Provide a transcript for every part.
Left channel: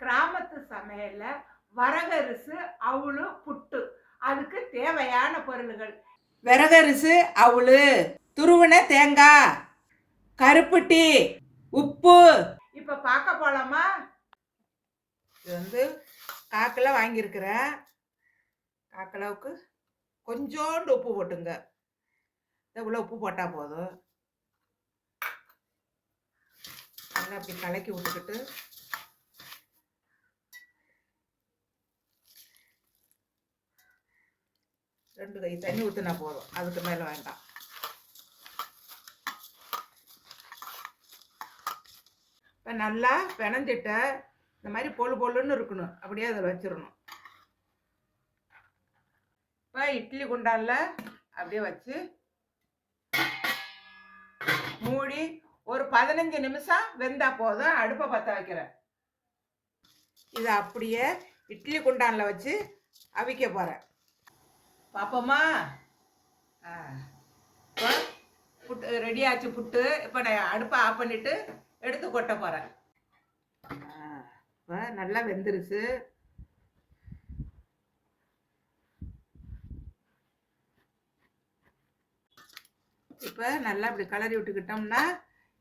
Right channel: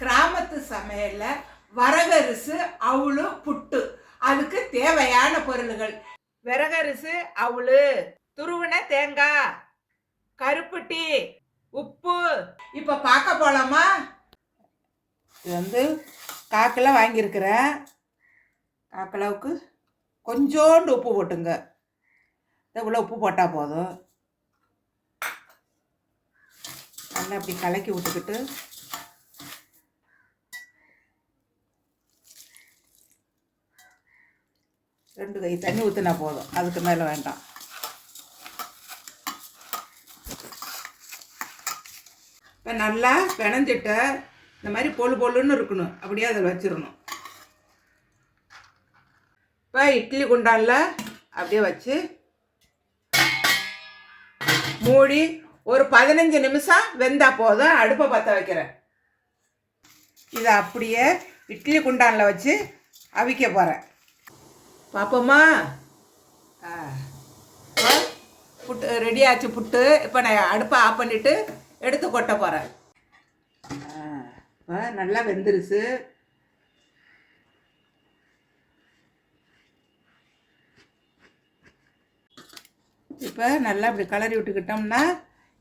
கிராமத்து சமையலில் வரகரிசு அவுளு புட்டு. அதுக்கு தேவையான பொருள்கள். விறகரிசு அவுளு துருவன தேங்காய் கருப்பட்டி உப்பு. இப்போ பார்க்க போகலாமா இது வந்து காக்கில் வாங்கியிருக்கிறேன். காக்கிலாவுக்கு கொஞ்சோண்டு உப்பு போட்டுங்க. இவ்வளோ உப்பு போட்டால் போதும். நல்லா அப்படி கலக்கி விட்டுக்கிட்டு ரெண்டு கை தண்ணி ஊற்றினா போதும். அதுக்கு மேலே வேண்டாம். இப்போ நல்லா பிணைஞ்சிட்ட இந்த மாதிரி பொழு பொழுன்னு இருக்கணும். அப்படியே அதில் வச்சிடணும். இப்போ இட்லி குண்டானில் அப்படியே வச்சு மூடி ஒரு பதினஞ்சு நிமிஷம் வெந்தால் போதும். அடுப்பை பற்ற வைக்கிறேன். இதை அப்படியே இட்லி குண்டானில் வச்சு அவிக்க போகிறேன் பார்ப்போம்மா ஆ. புட்டு ரெடி ஆச்சு புட்டு. இப்போ நான் அடுப்பை ஆஃப் பண்ணிவிட்டு எடுத்து கொட்ட போகிறேன் இப்போ நல்லா வெந்துருச்சு. இப்போ நல்லா இப்படி கலரி விட்டுக்கிட்டோம்னா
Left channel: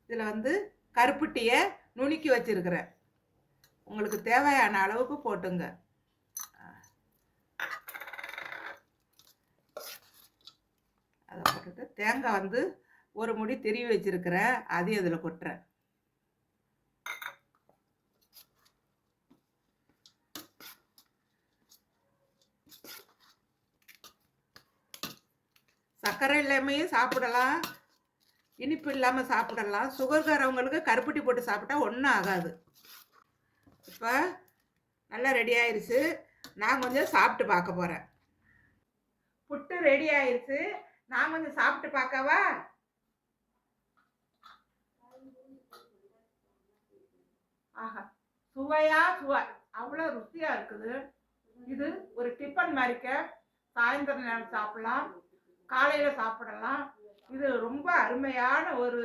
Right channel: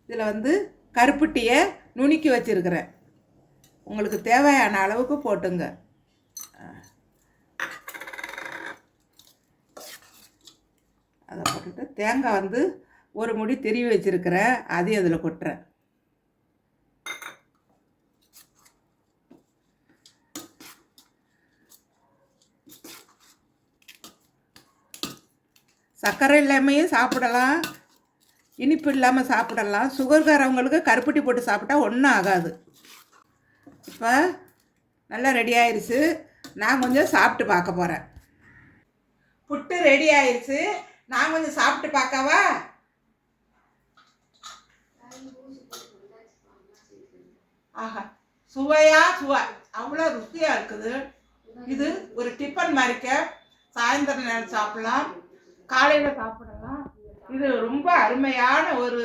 இதில் வந்து கருப்பட்டியை நுணுக்கி வச்சுருக்கிறேன். உங்களுக்கு தேவையான அளவுக்கு போட்டுங்க. அதை போட்டுட்டு தேங்காய் வந்து ஒரு முடி திருவி வச்சுருக்கிறேன் அதையும் அதில் கொட்டுறேன். சர்க்கரை இல்லாமையும் சாப்பிடலாம். இனிப்பு இல்லாமல் சாப்பிடலாம். சுகர்காரவங்களுக்கு கருப்பட்டி போட்டு சாப்பிட்டா ஒன்றும் ஆகாது. இப்போ நல்லா ரெடி ஆயிடுச்சு நான் கொஞ்சம் சாப்பிட்டு பார்க்க போகிறேன் புட்டு ரெடி ஆயிடுச்சு நான் கொஞ்சம் சாப்பிட்டு பார்க்கவா? ஆஹா சுவையா சுவை. அவ்வளோ ருசியாக இருக்குது. இது ஒரு டிஃபன் மாதிரிக்க சாயந்தரம் நேரம் சாப்பிடலாம். காலையில் சாப்பிடலாம். இது ரொம்ப அருமையான ஒரு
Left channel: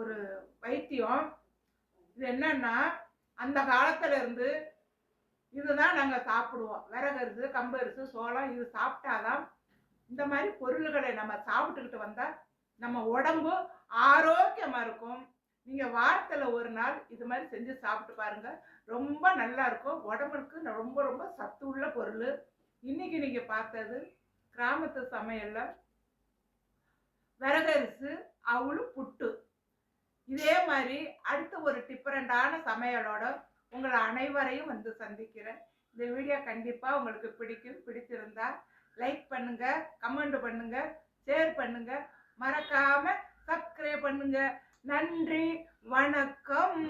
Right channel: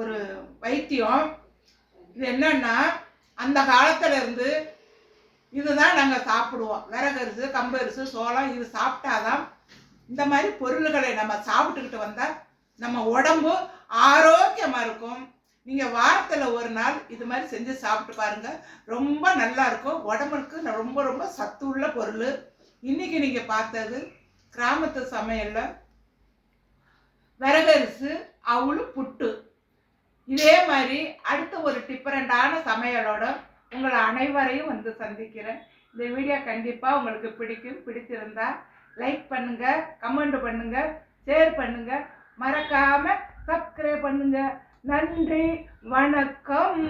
ஒரு வைத்தியம். இது என்னன்னா அந்த காலத்துல இருந்து இதுதான் நாங்கள் சாப்பிடுவோம். விறகரிசு கம்பரிசு சோளம் இது சாப்பிட்டாதான் இந்த மாதிரி பொருள்களை நம்ம சாப்பிட்டுக்கிட்டு வந்தால் நம்ம உடம்பு ஆரோக்கியமாக இருக்கும். நீங்கள் வாரத்தில் ஒரு நாள் இது மாதிரி செஞ்சு சாப்பிட்டு பாருங்கள் ரொம்ப நல்லா இருக்கும். உடம்புக்கு ரொம்ப ரொம்ப சத்து உள்ள பொருள். இன்றைக்கி நீங்கள் பார்த்தது கிராமத்து சமையலில் விறகரிசு அவளும் புட்டு. இதே மாதிரி அடுத்த ஒரு டிஃப்ரெண்டான சமையலோட உங்களை அனைவரையும் வந்து சந்திக்கிறேன். இந்த வீடியோ கண்டிப்பாக உங்களுக்கு பிடிக்கும். பிடிச்சிருந்தா லைக் பண்ணுங்க கமெண்ட் பண்ணுங்க ஷேர் பண்ணுங்க. மறக்காம சப்ஸ்கிரைப் பண்ணுங்க. நன்றி வணக்கம்.